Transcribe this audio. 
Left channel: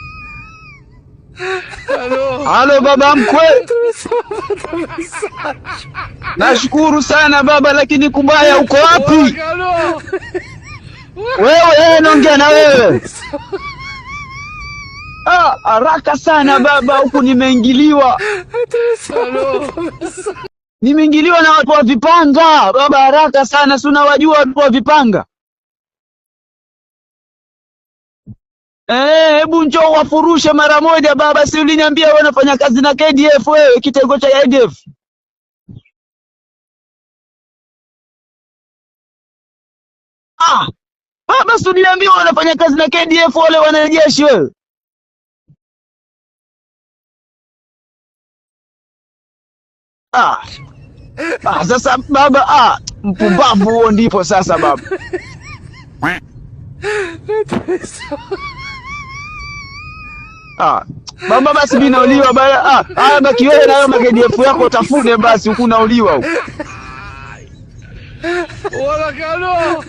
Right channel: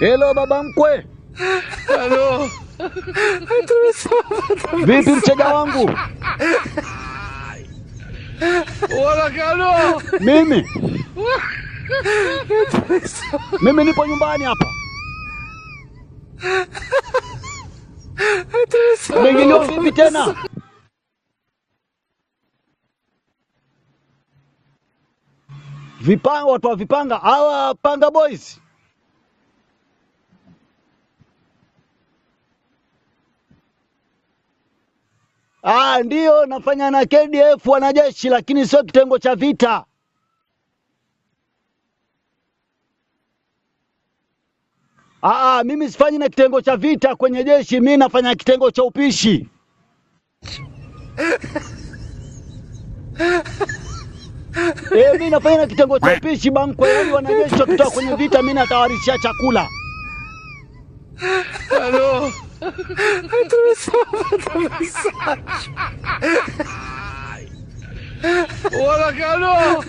Hello baba mkwe. Halo baba mkwe. Vipi mchega wangu? Nashukuru sana baba, lakini kubaya uko wapi? Mimi. Wewe naongea na wewe. Mimi nipo nyumbani hapa. Haraka sana baba, huku nimeingiliwa. Nimeingiliwa vipi tena? Nimeingiliwa na watu wa vipanga. Baba haraka sana, si unawajua watu wa vipanga? Vipanga, watu wa vipanga, hawa Panga Boys. Hebu njoo wafurushe mara moja baba, si uliniambia wewe unafanya kazi na KDF wewe, kitengo cha ADF? Ndio nafanya na KDF wanajeshi, lakini sio kitengo cha vita. Baba, si uliniambia wewe unafanya kazi na KDF wale wanajeshi wewe? Mimi sifanyi na kitengo cha vita kwenye jeshi, mimi nafanya kitengo cha upishi. Sasa baba, mpumbavu huo ndipo sasa baba. Mimi nafanya na kitengo cha upishi banko, wanajeshi kutoka kwenye vita, mimi natawarishia chakula. Baba basi mimi nauliwa baya. Baki wewe na KDF yako utafune basi, huku nauliwa huko. Wala kalo.